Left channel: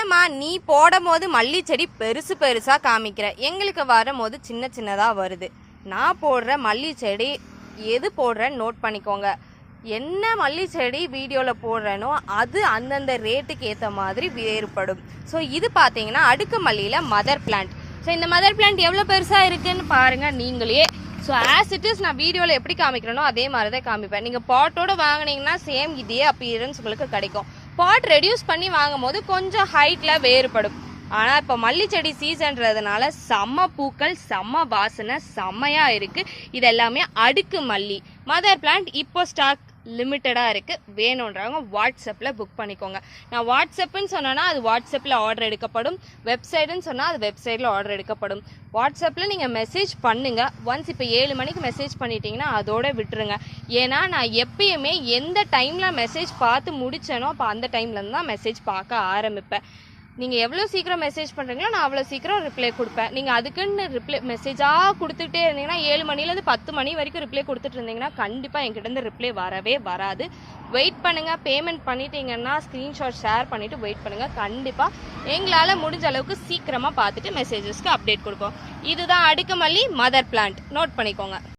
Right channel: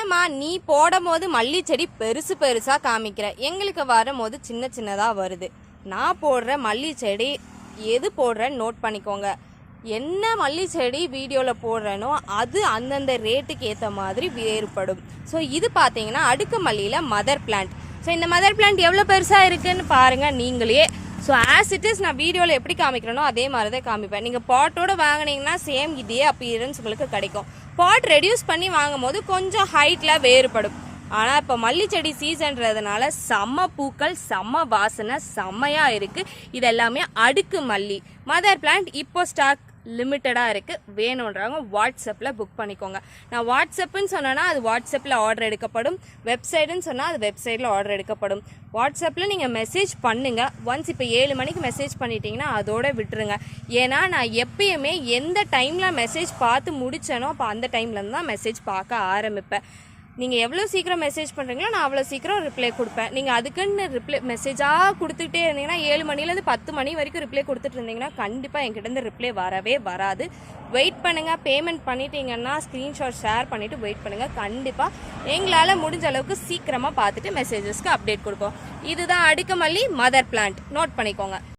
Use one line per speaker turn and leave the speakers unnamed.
என்னம்மா நீ போடும் போது மல்லி செடி பெருசு பெருசா காமிக்கிற. எங்களுக்கு வரும்போது சின்ன சின்னதா வருது. நான் போடுற மல்லி செடி எது போடுறேன்னு நோட் பண்ணிக்கோங்க. என்ன மல்லி செடி வீடியோவில் போடுறேனோ அது அந்தந்த ரேட்டுக்கு ஏற்ற மாதிரி வேறுபடும். ஸோ இது பார்த்தீங்கன்னா அடுக்கு மல்லியில் மதர் பிளான்ட் ஸோ இந்த மதர் பிளான்ட் எவ்வளோ பெருசாக இருக்குன்னு பாருங்கள் நீங்களே. ஸோ ஆஸ் இட் இஸ் நான் வீடியோவில் எப்படி காமிக்கிறேனோ அதே மாதிரி தான் காமிப்பேன் நீங்கள் பாட்டோட வாங்குனீங்கன்னா சேம் இதே அப்பியரன்ஸ் உங்களுக்கு கிடைக்கும். பாட் ரெடியூஸ் பண்ணி வாங்கும் போது கொஞ்சம் ஹைட்டில் வேறுபடும். ஆனால் இப்போ மல்லிச்செடி சீசன்றதுனால செம்ம பூக்கள் செம்ம வாசனை செம்மையாக இருக்குது இதெல்லாமே அடுக்கு மல்லி. மதர் பிளான்ட் இப்போ ஸ்டாக் லிமிட்டடாக இருக்குது வேணுன்றவங்க வாட்ஸ்அப்பில் புக் பண்ணிக்கோங்க. நான் வாட்ஸ்அப்புன்னு சொன்னேன்னா அது வாட்ஸ்அப்பில் ஆர்டர் எடுக்கப்படும். வெப்சைட்டுன்னு சொன்னால் அது வெப்சைட்டில் ஆர்டர் எடுக்கப்படும். வாட்ஸ்அப்பில் நீங்கள் மெசேஜ் பண்ணுங்கள் ஒன்ஸ் இப்போ ஏழு மணிக்கு மெசேஜ் பண்ணிட்டீங்கன்னா அதோட விட்டுருங்க. ஏன்னா நான் எப்பயுமே எந்த டைமில் மெசேஜ் பார்த்து முடிச்சேனோ அப்போ அந்த டைம்லேருந்து தான் மெசேஜ் பார்க்க ஆரம்பிப்பேன். நீங்கள் எவ்வளோ சீக்கிரம் மெசேஜ் பண்ணுறீங்களோ நான் அவ்வளோ சீக்கிரம் ரிப்ளை கொடுப்பேன். நீங்கள் அதுக்குன்னு ரிப்ளை மெசேஜாக கொடுத்துட்டே இருந்தீங்கன்னா ஏழு மணிலேருந்து பத்து மணி வரைக்கும் ரிப்ளை கொடுத்துட்டு இருந்தீங்கன்னா கண்டிப்பாக என்கிட்டேருந்து ரிப்ளை வரவே வராது. வெயிட் பண்ணுங்கள் பேமெண்ட் பண்ணிட்டீங்கன்னா ஸ்க்ரீன்ஷாட் ஷேர் பண்ணிவிட்டு வெயிட் பண்ணுங்கள் கண்டிப்பாக எங்களால் முடிஞ்ச அளவுக்கு சீக்கிரமாக பார்த்துட்டு மெசேஜஸ்க்கு அப்டேட் கொடுப்போம். இதுதான் அடுக்குமல்லி மதர் பிளான்ட் நோட் பண்ணிக்கோங்க.